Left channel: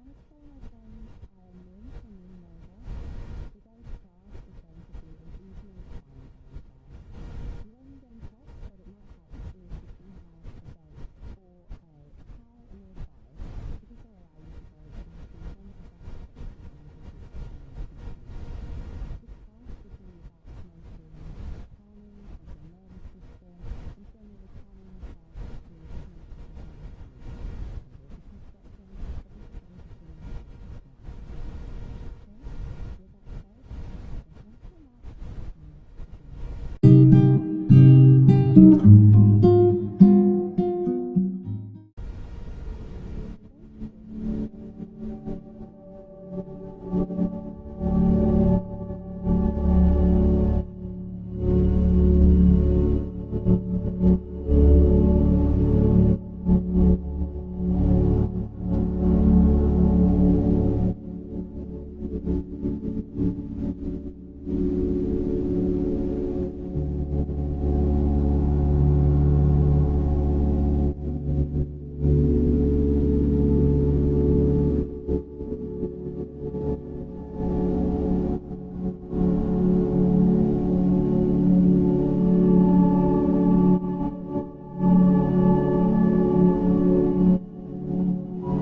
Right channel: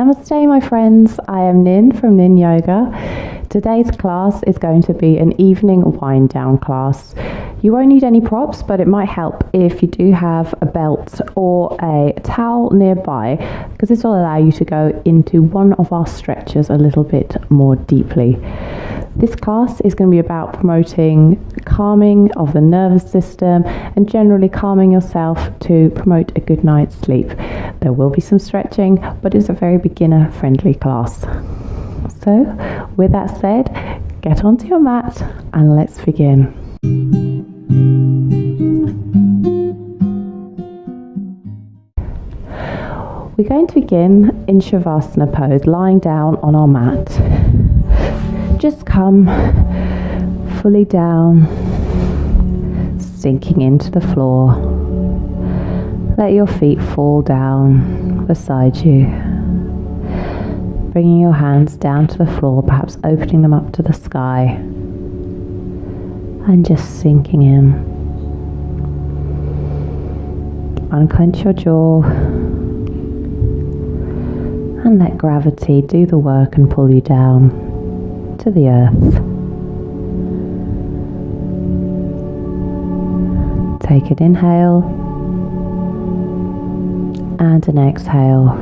Namaste, my friends. I am Nin from Nin Yoga. Today's class is going to be an evening wind down class. You won't need any props, but it might help if you do have a belt or a towel nearby, because this will allow you to go into one of our stretches a little bit more deeply. This class is going to be about promoting calming of the nervous system and generally calming yourself to promote a good night's sleep. There will be some stretching, but it's a very beginner friendly class. So with that said, get onto your mat and let's begin. We're going to begin in Shavasana pose, lying down on our mat. Just come fully down, sinking into the floor. Let your feet fall down beside you. Bringing your hands down to the floor, perhaps opening them up to the sky. And just sinking in. Unclench your jaw. And let gravity do the work and pull you down to the earth. Take an inhale and an exhale.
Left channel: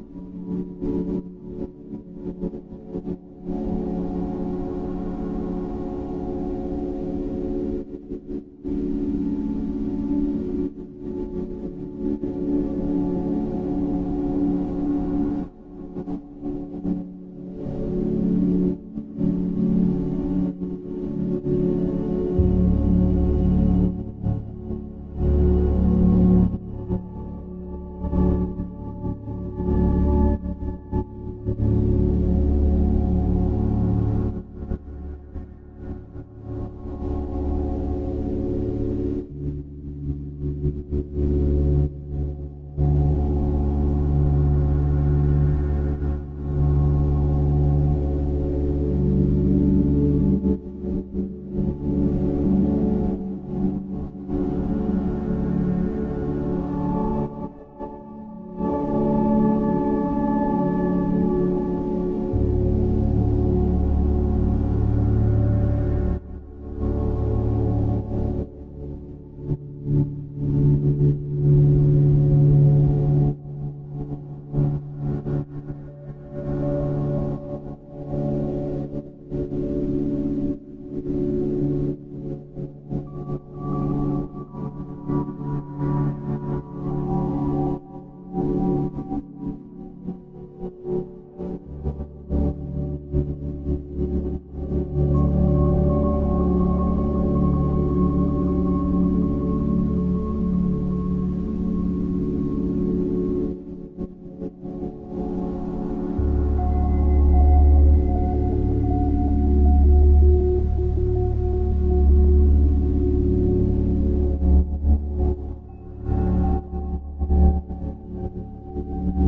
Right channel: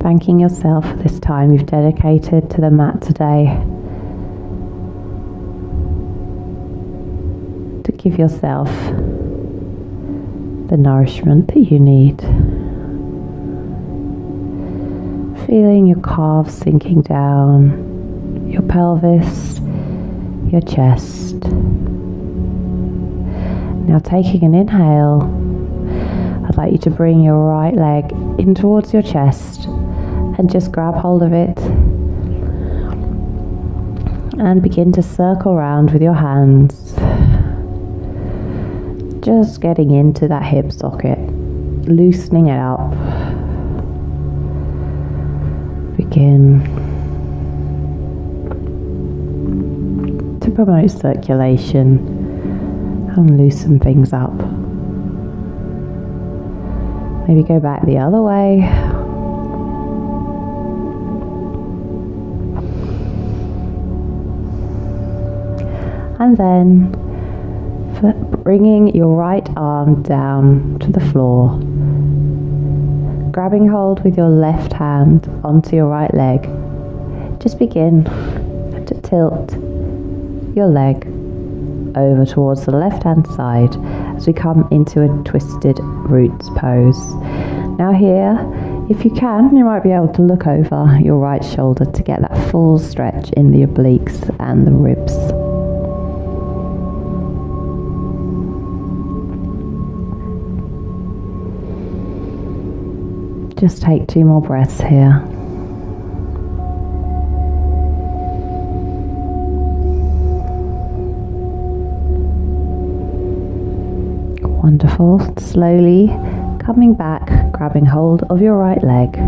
Thanking yourself for this time you've dedicated to the mat today, to give yourself the nourishment that you need. Feeling your calves sinking down, your pelvis, your chest. Now taking an inhale, I'd like you to bring your right leg in towards your chest and just grab hold of it and begin to circle around with your hands. Just getting into that hip socket, loosening it up. Begin to promote circulation and loosen things up. Maybe go back the other way. And then bringing your right arm down to the floor, grabbing hold with your left hand onto your right leg. Just begin to tilt your leg over towards the left hand side as we come into a twisted roots pose. Now here, if you can, you might be able to look over your right shoulder to get that full stretch in the obliques and the ribs. Just take 2 more breaths here. Wonderful. Slowly coming back, grabbing hold of your right leg.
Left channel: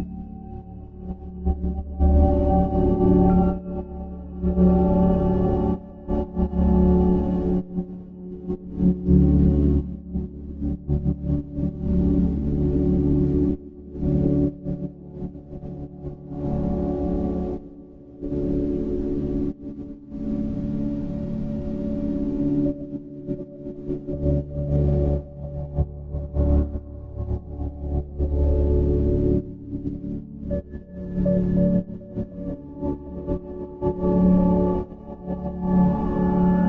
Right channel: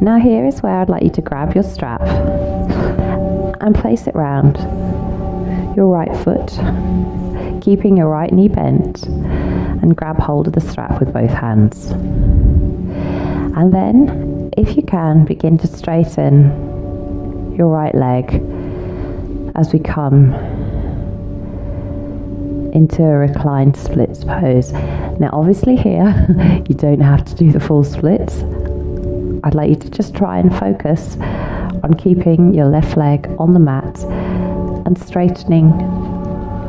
Now here is where I'd like you to grab your strap and place it round your right foot, keeping your right knee bent, and grab hold of the strap with both hands. And then, if you can, begin to straighten your right leg as we come into a reclined splits pose. Now obviously here, you don't have to do the full splits. I'd like you to just try and focus on keeping your left leg on the mat and straightening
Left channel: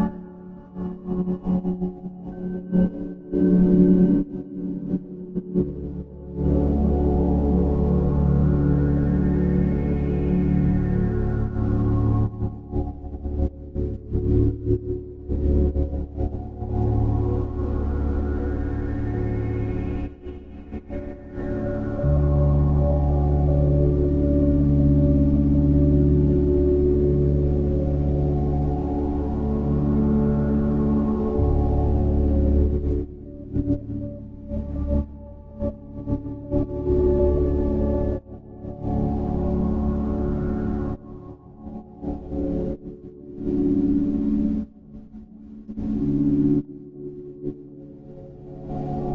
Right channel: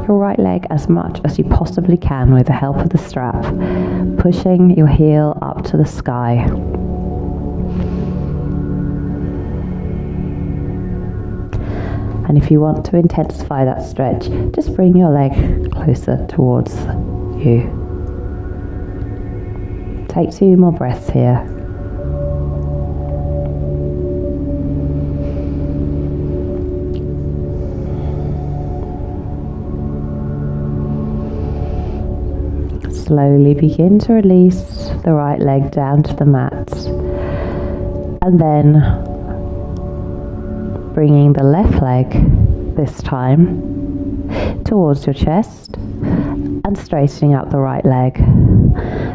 your right leg as much as you possibly can with the help of the strap, pushing your heel up to the sky. And if you want to intensify that stretch, just bring your leg closer towards you. Take 2 more breaths here. Slowly begin to release the right leg down to the mat, and then bringing the left leg this time towards your chest and straightening up the right leg.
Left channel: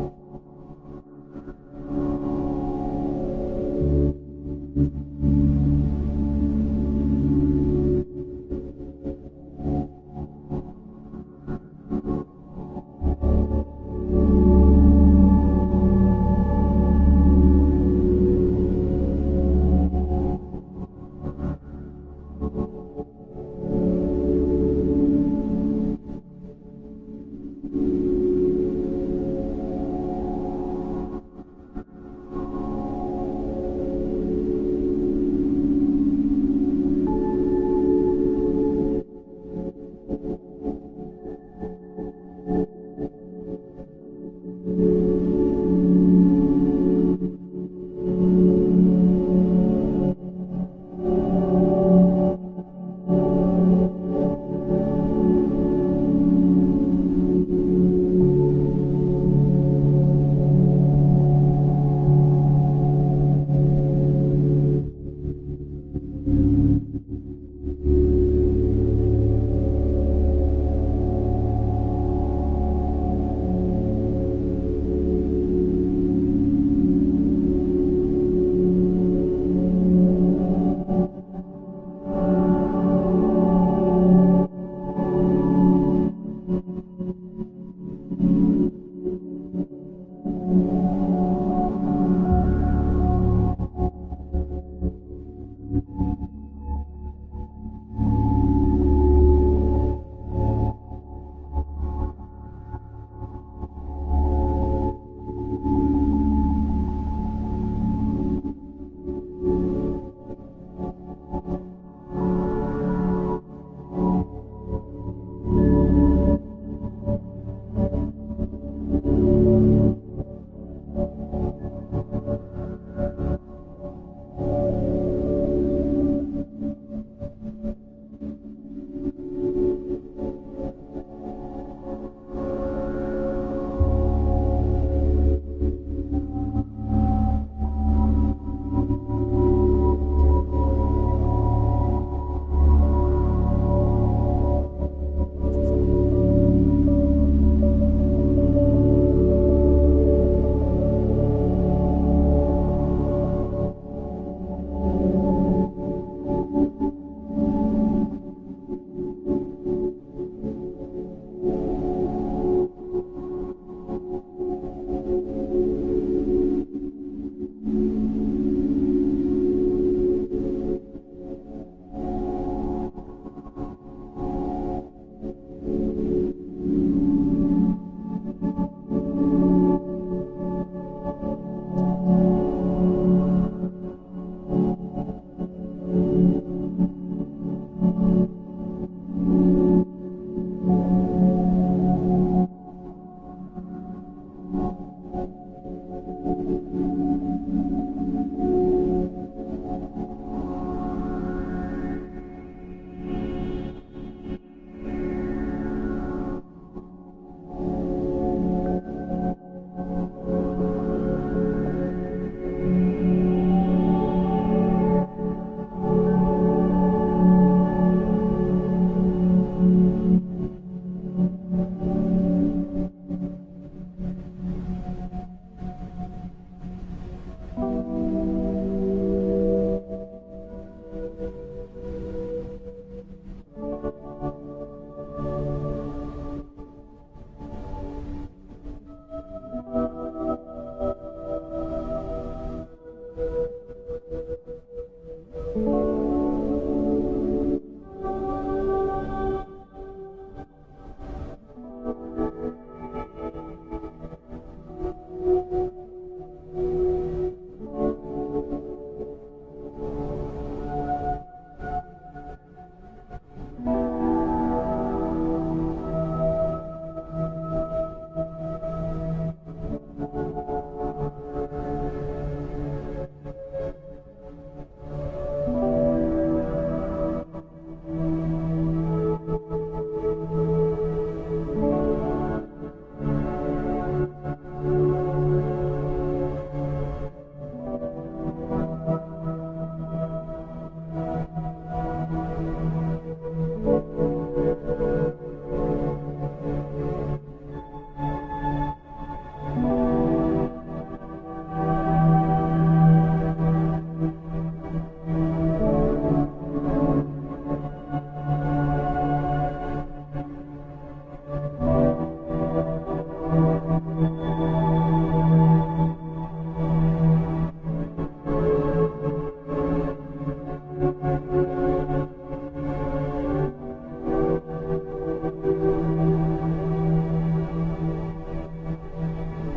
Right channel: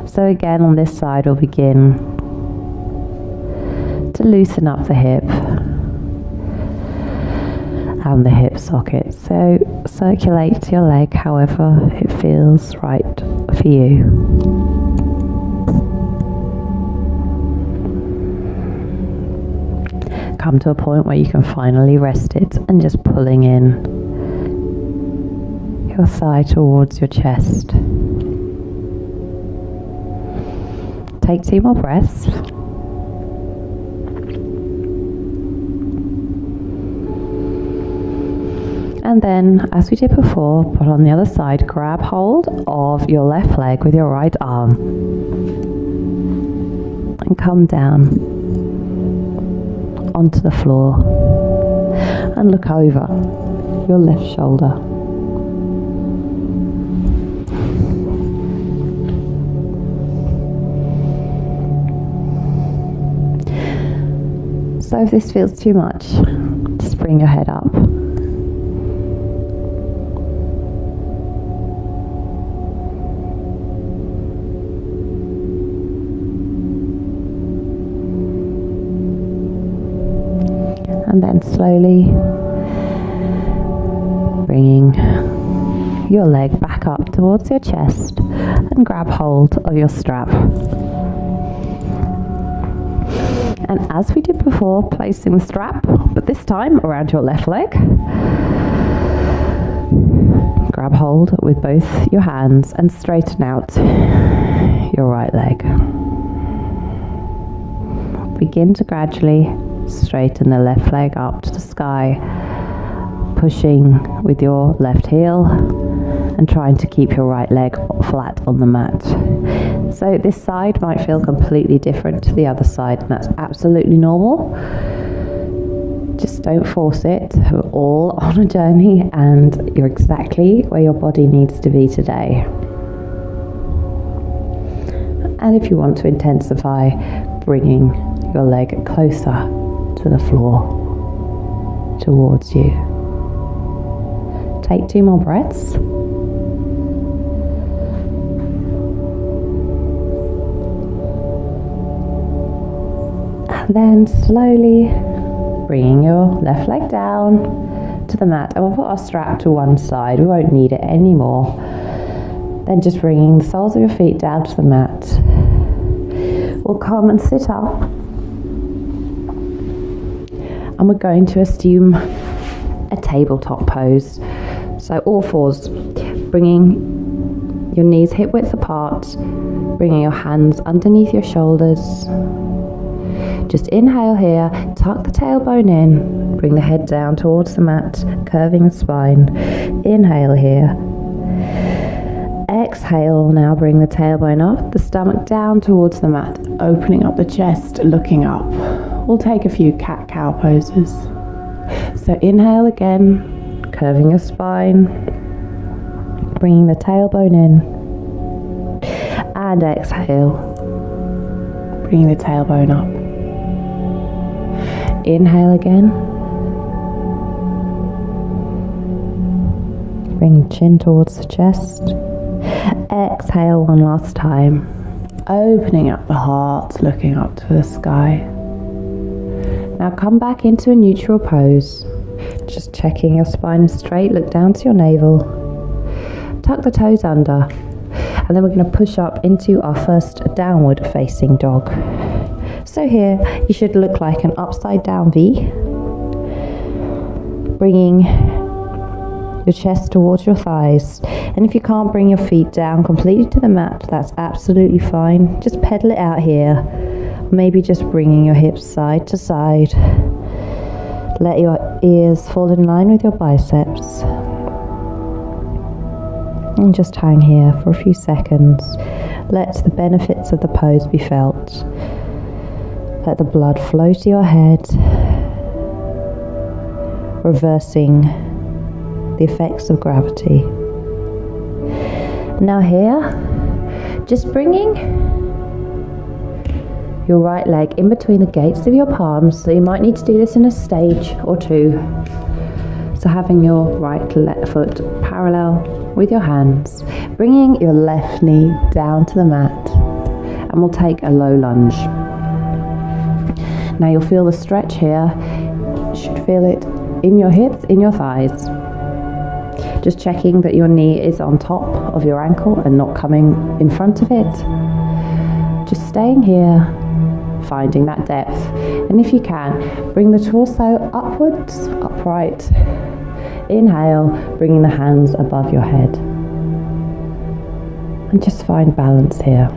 So again, on this side, we'll begin to loosen up the hip and the hip socket. So circulate your leg however it feels right for you. Come to a point where you can finally rest it and just pulling in your thigh towards your chest. Take 2 more breaths. And then, as we did before, put on the other side, grab hold of your left leg with your right arm and come down onto the floor and look over your left shoulder. So if this feels too much, just bring your head up. And then slowly bringing your leg back up towards your chest and grab hold of your strap. And as we did before, placing the strap, but this time around your left leg. Grab hold with both your hands and straighten out your right leg. Begin to gradually straighten the left leg up to the sky, pushing with your left heel and trying to keep your right leg flat on the mat. So this side might feel completely different to the other side, and that's absolutely normal. Just don't force it. We're all on a journey and you're exactly where your body needs to be today. And if you want to intensify, bringing your leg closer to the floor towards you. Take 2 more breaths. And then slowly bringing your left leg down to the mat, and we'll put our strap to one side. We won't need it anymore. Then just bringing the soles of your feet down to the mat. We'll come and sit up. And we're going to assume a tabletop pose. So all fours, bringing your knees hip width apart, bringing your hands underneath your shoulders. Just inhale here, tuck the tailbone in, bring the head down towards the mat, curving the spine. Inhale here. Exhale, now bring the tailbone up, the stomach down towards the mat, opening up the chest, looking up. We'll take a few cat-cow poses. So inhale again, curving your spine, bringing the tailbone in, and exhale, bringing the tailbone up. Inhale again, bring the chin towards the chest. Exhale one last time, opening up the heart, looking up to the sky. Now come back into a neutral pose, just checking your spine is straight. Look down to your navel, tuck the toes under, and then we're going to push up into our first downward facing dog. So here you should look like an upside down V, bringing your chest towards your thighs. And if you can't bring your feet down completely to the mat, that's absolutely fine. Just pedal it out here. Maybe just bringing your hips side to side. Let your ears fall in line with your biceps. And just hang here for a few seconds. Let the benefits of the pose be felt. Let the blood flow to your head, reversing the effects of gravity. Now here, just bringing your right leg in between the gates of your palms. So you might need to do this in a stage or two. So So having your right foot parallel with your hands, bringing your left knee down to the mat, and we'll take a low lunge. Now you'll feel the stretch here. You should feel it in your hips, in your thighs. Just checking that your knee is on top of your ankle and not coming in front of it. Just staying here, finding that depth. And if you can, bring the torso upwards, upright. Inhale, bringing the hands above your head. And just find balance here.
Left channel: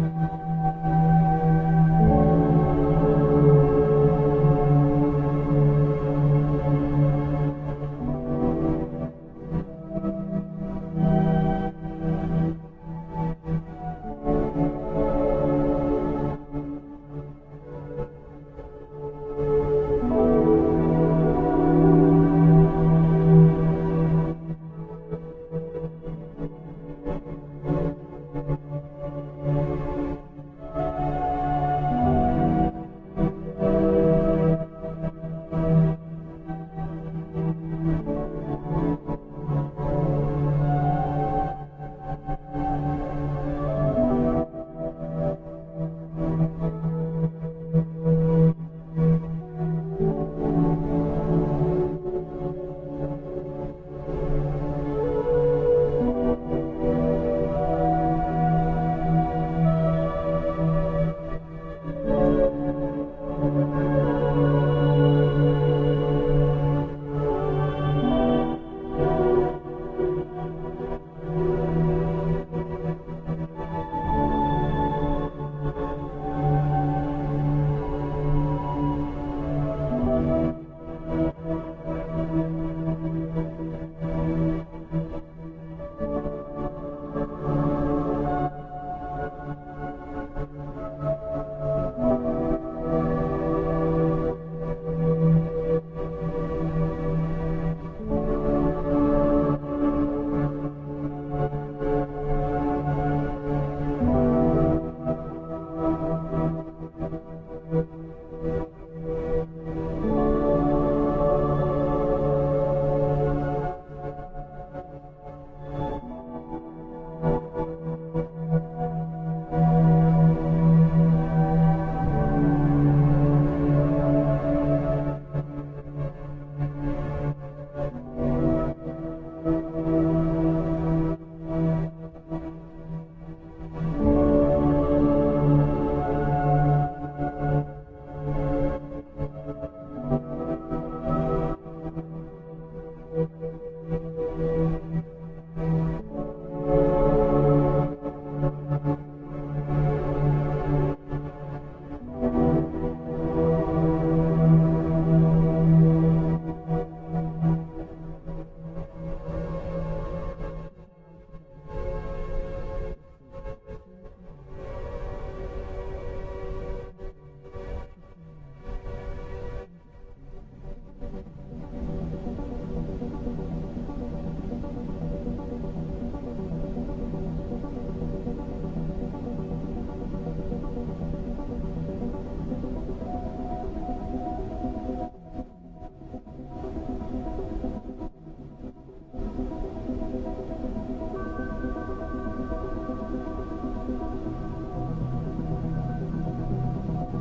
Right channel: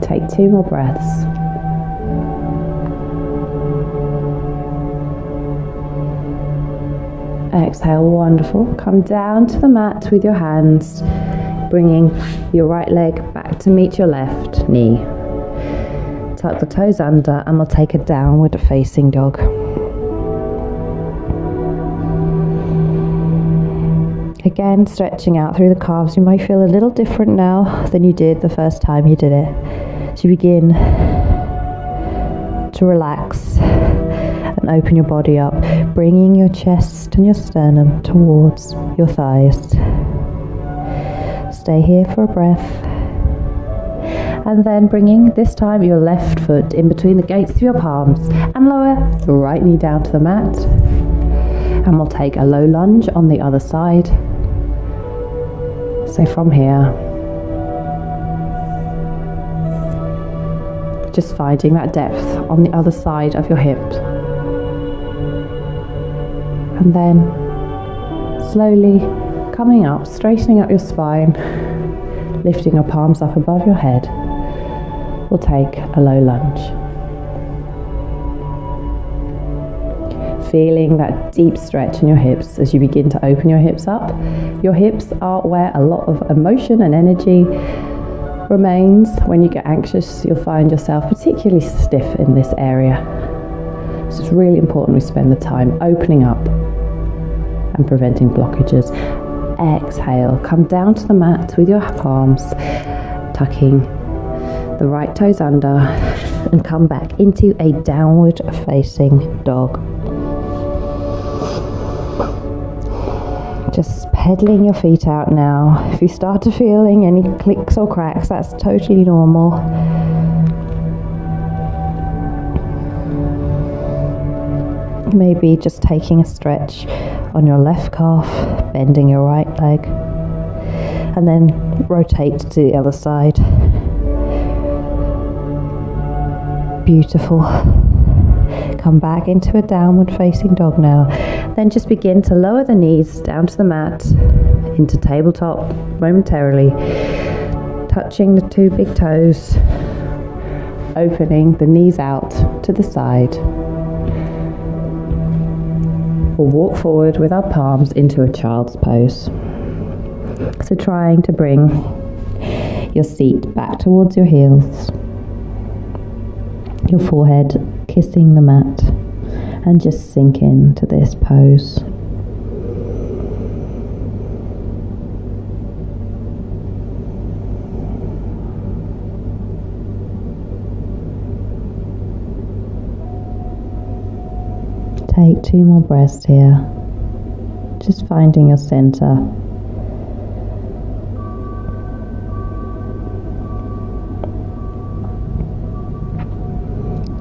Take 2 more breaths. Exhale, wonderful. Come down to the mat with your hands, bringing your right leg back to meet your left knee. Tuck the toes under and we'll take a downward facing dog. Again, stretching out through the calves. You might feel a little different now than you did the first time you did it. So you begin to relax and open your body up, bringing your chest and your sternum towards your thighs. Stay here for a breath. And then bringing, this time, your left foot in between the gates of your palms and lower your right knee down to the mat. And we'll take a low lunge on the other side. So from here, just finding that depth on the other side of your hip. And then slowly coming up, straightening up your spine, lifting your palms up above your head. We'll take a low lunge. Feeling that deep stretch in your hips as you begin to open your hips up. Your hips are where a lot of emotion and energy remains. When you get anxious, you'll find yourself particularly stiff in this area. So it's really important we spend the time opening up and preventing blockages. Exhale, come down to the mat with your palms, tucking the right toes under, and come back into a downward facing dog. Just pedaling your feet out now. If you start to feeling any clicks or cracks, that's totally normal. Maybe just taking a stretch on your left calf, bending your right leg, and then rotate to the other side. Beautiful. Come back into a downward facing dog now. Then just begin to lower the knees down to the mat, into tabletop momentarily, touching the 2 big toes, opening the knees out to the side. We'll walk forward with our palms into a child's pose. So trying to bring your seat back towards your heels, your forehead kissing the mat, and just sink into this pose. Take 2 more breaths here, just finding your center.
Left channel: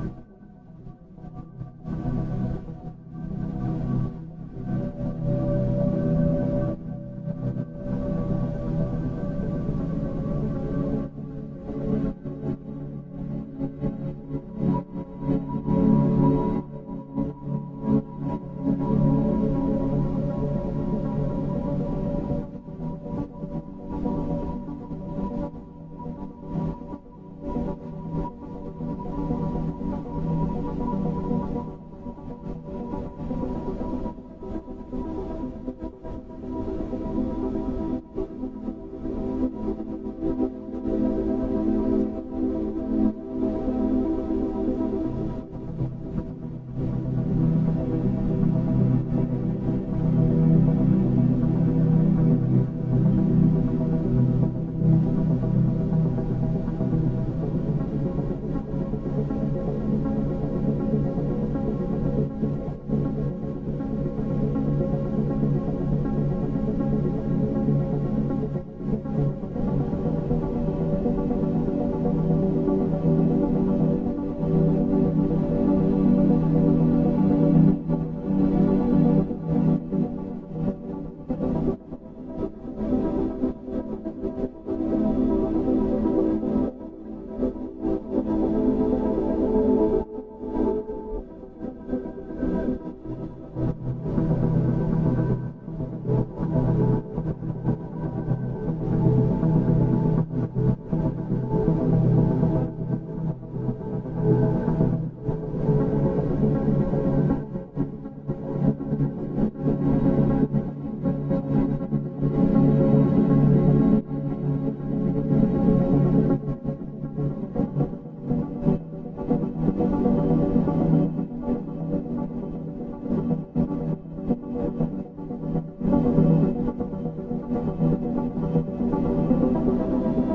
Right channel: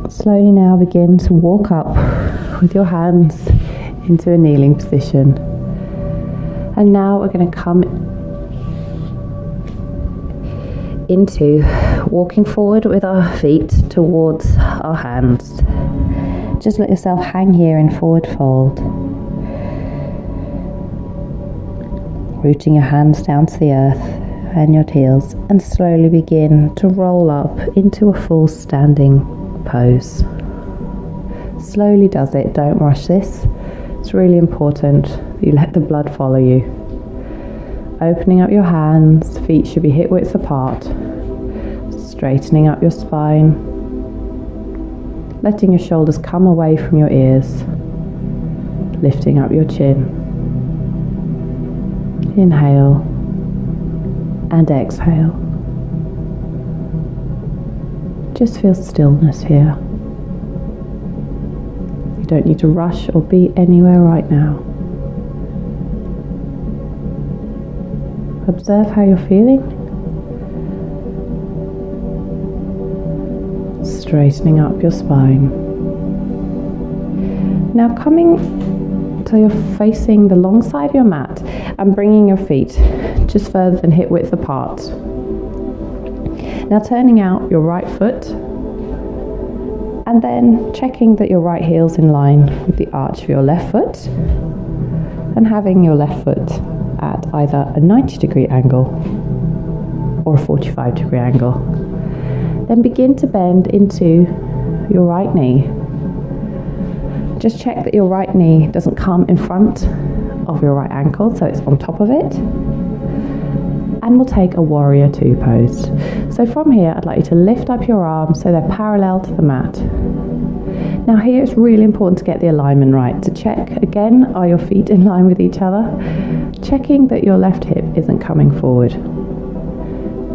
Slowly now begin to walk up with your hands into a kneeling position. And now we're going to come into walking forward with our feet towards our hands. Just let yourself hang here in forward fold. Rooting your hands down to the earth and your heels, and slowly begin to roll up into a full standing pose. Slowly does it, don't rush this. It's really important you let the blood follow you. Opening up your hands, feet should be hip width apart. Straightening up your spine. Letting your shoulders come away from your ears. Lifting up your chin. Inhale and exhale. just feel stillness here. You don't need to rush or be anywhere right now. Observe how you're feeling. Straightening up your spine. Now coming till you're facing the long side of your mat and bringing your feet just further than hip width apart. Now turning out your right foot and then checking that your right heel's in line with the arch of your left foot and having your left foot at either a 90-degree angle or a 45-degree angle. Then begin to bend into your right knee. Just check that your right knee doesn't come in front of your right ankle, so it's on top of it. And we'll take a warrior two pose. So from here, I'd like you to lift up your arms so they're parallel to the mat. Now here it's really important to get the alignment right. To check again, are your feet in line with each other? Checking that your left hip isn't coming forward.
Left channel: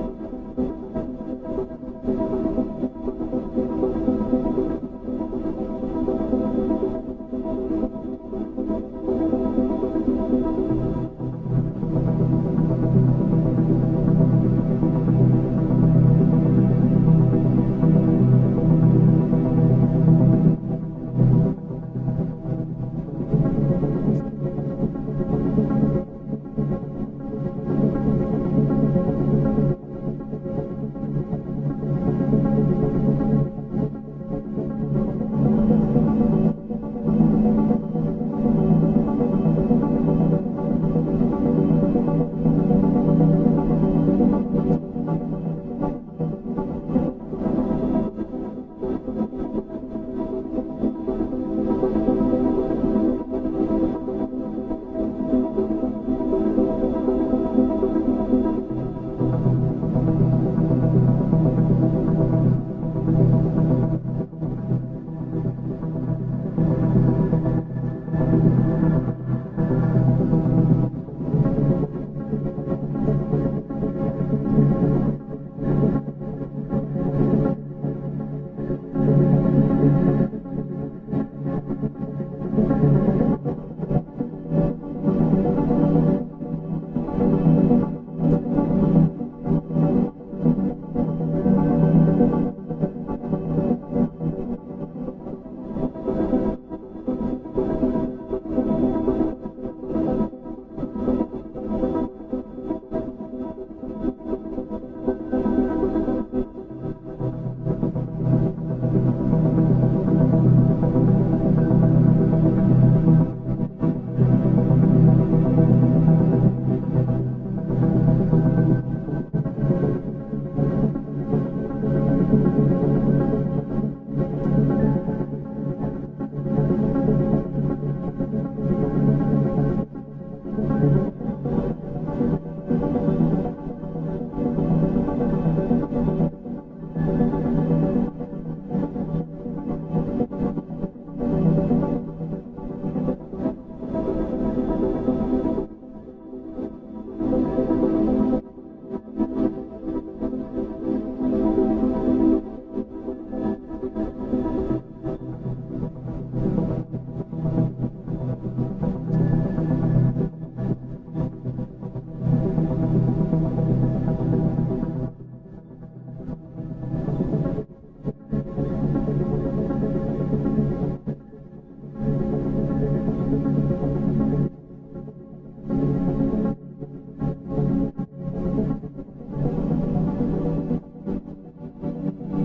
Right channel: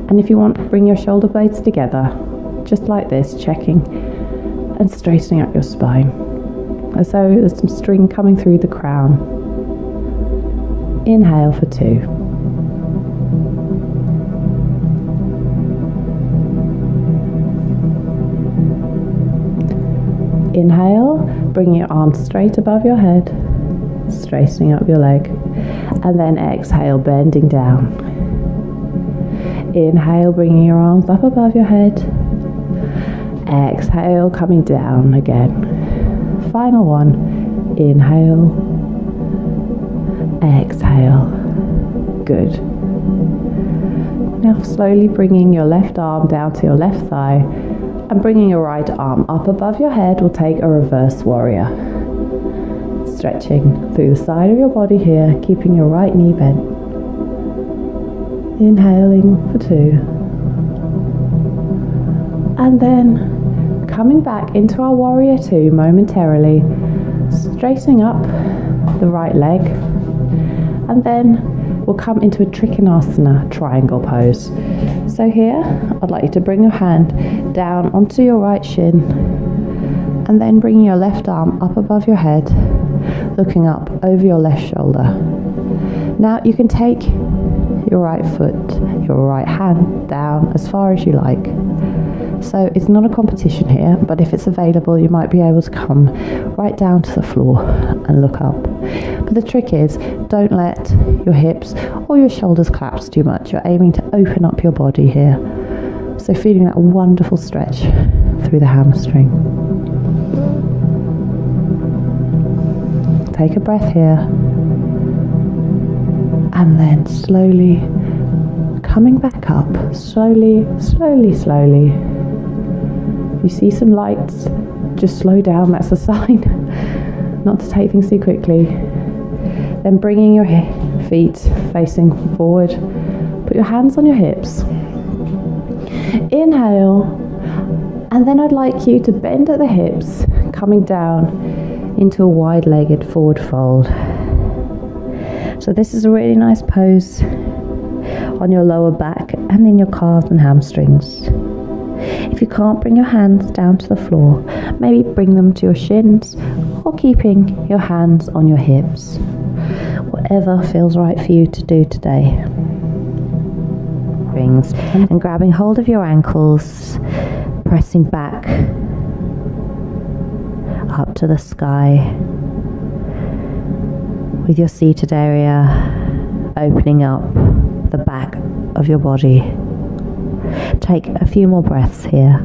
And if you want, bring your shoulder blades together, just like this, checking and straightening up your spine. As though there's some string coming through the crown. Inhale for 2. Inhale, bring your arms straight above your head, straightening up your leg. And then exhale, bending down. Inhale, bringing your arms up above your head. Exhale, coming down again. Final one. Inhale. Exhale. Good. Now slowly bringing your left arm down to your left thigh and bringing your right arm up above your head, we'll take a reverse warrior. Stretching through the side of your body here, keeping your right knee bent. Inhaling for 2. And then coming back into our warrior 2 momentarily, straightening up the right leg. And then we'll come into a Trikonasana triangle pose. So here, I'd like you to bring your hand down onto your right shin and then bringing your left arm up above your head, looking up over your left shoulder. Now you can take your right foot, your right hand down as far as you like. So it's not a competition here, but if it's available, you might be able to come right down to the floor and look up. But the trick is, don't let your hips or your shoulders collapse too much. You're aiming to open up your body here. So feeling that wonderful stretch through the hamstring. Take a breath here. And then slowly coming back up. Slowly, slowly, slowly. If you see some lights, just slow down. That's a sign not to take things too quickly. Then bringing your feet facing forward. Put your hands on your hips. Inhale. And then I'd like you to bend at the hips, coming down into a wide-legged forward fold. So this is a really nice pose on your lower back and in your calves and hamstrings. If you can't bring your hands down to the floor, maybe bring them to your shins or keeping your hands on your hips. Whatever feels right for you to do today. Rings and grabbing hold of your ankles, pressing back up to the sky. With your seated area opening up the back of your body. Take a few more breaths here.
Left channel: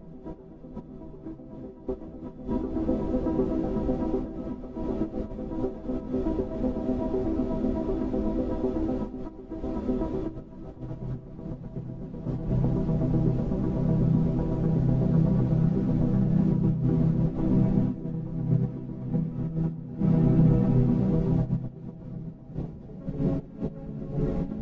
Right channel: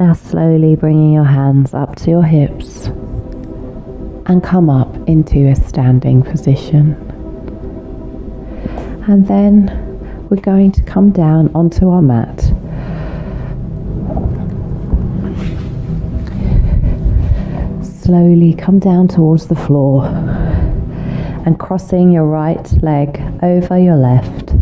Now slowly bringing your hands up to your hips and come up into a standing position. And then we're going to come down onto our mat. Slowly come down towards the floor and crossing your right leg over your left,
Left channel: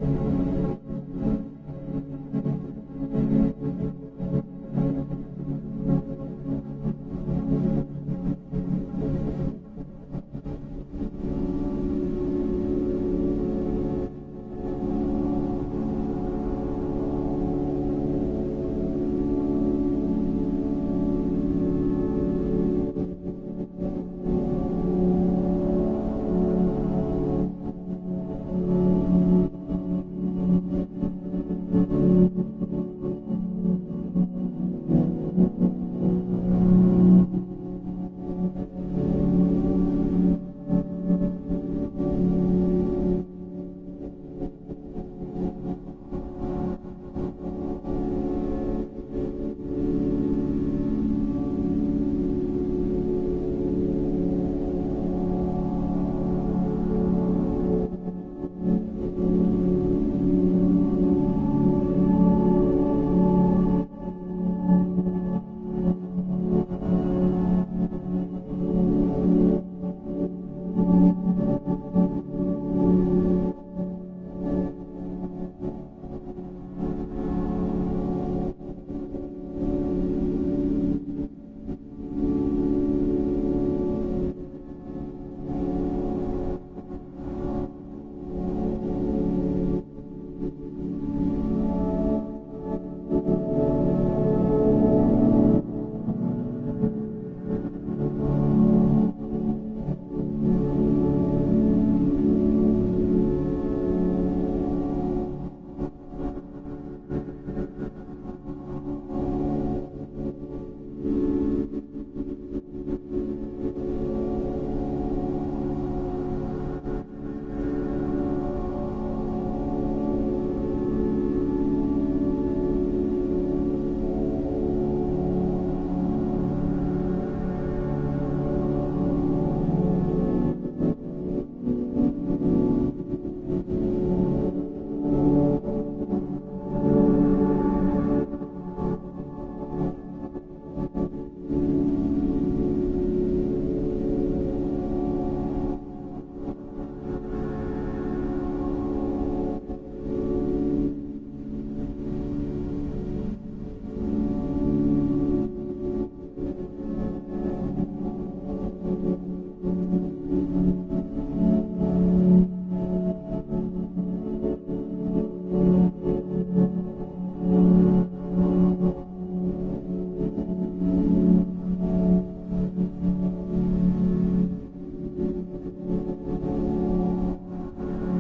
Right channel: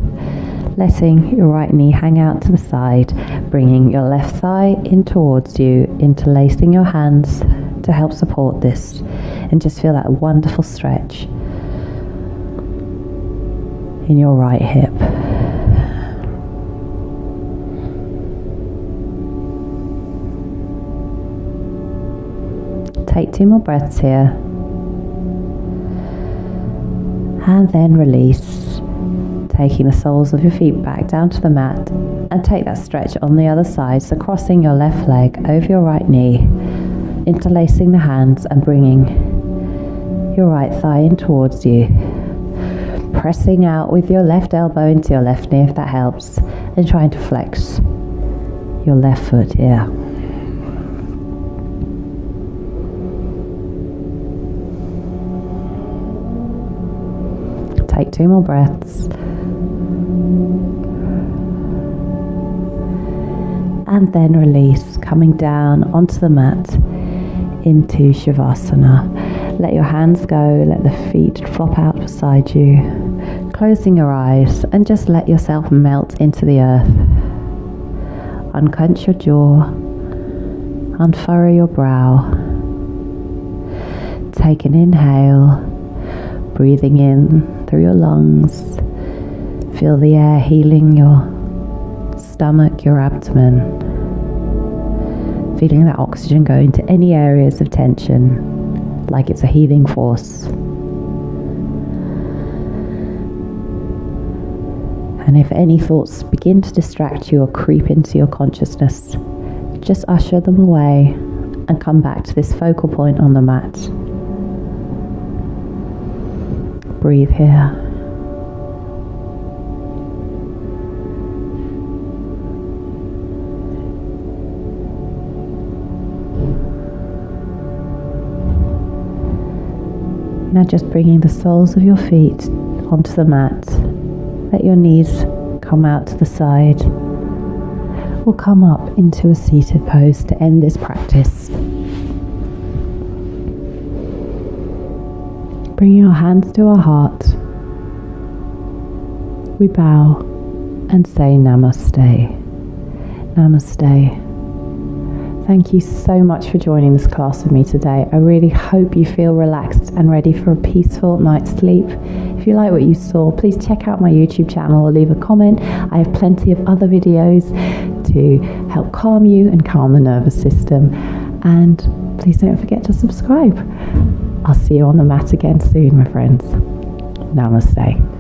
letting your right knee hang out to the side, bringing your left thigh in towards you, interlacing your hands to help support this and just feel that wonderful stretch in your right hip. Take 2 more breaths here. And then release, taking the soles of your feet back down to the mat, and take that stretch on the other side, so crossing your left leg over your right knee, interlacing the hands and bringing your right thigh in towards you, pressing out with your left elbow into your left knee if that helps, and trying to flex your left foot here. Take 2 more breaths. And then release, coming down onto the mat into Shavasana. Let your hands go, let the feet flop out beside you. Closing your eyes and just let yourself melt into the earth. Unclench your jaw, unfurrow your brow. Take an inhale, breathing in through your lungs. Feel the air healing your stomach, your abdomen. Feeling that oxygen go into any areas of tension, like it's a healing force. And if any thoughts begin to distract you or creep into your consciousness, just usher them away and come back to this focal point on the mat. Breathe here. Now just bringing the soles of your feet onto the mat. Let your knees come out to the side or come up into a seated pose to end this practice. Bring your hands to our heart. We bow and say Namaste. Namaste. Thank you so much for joining this class with me today. I really hope you feel relaxed and ready for a peaceful night's sleep. If you like what you saw, please check out my YouTube channel or leave a comment. I have plenty of other videos to help calm you and calm the nervous system. And please don't forget to subscribe. I'll see you on the mat again soon, my friends. Namaste.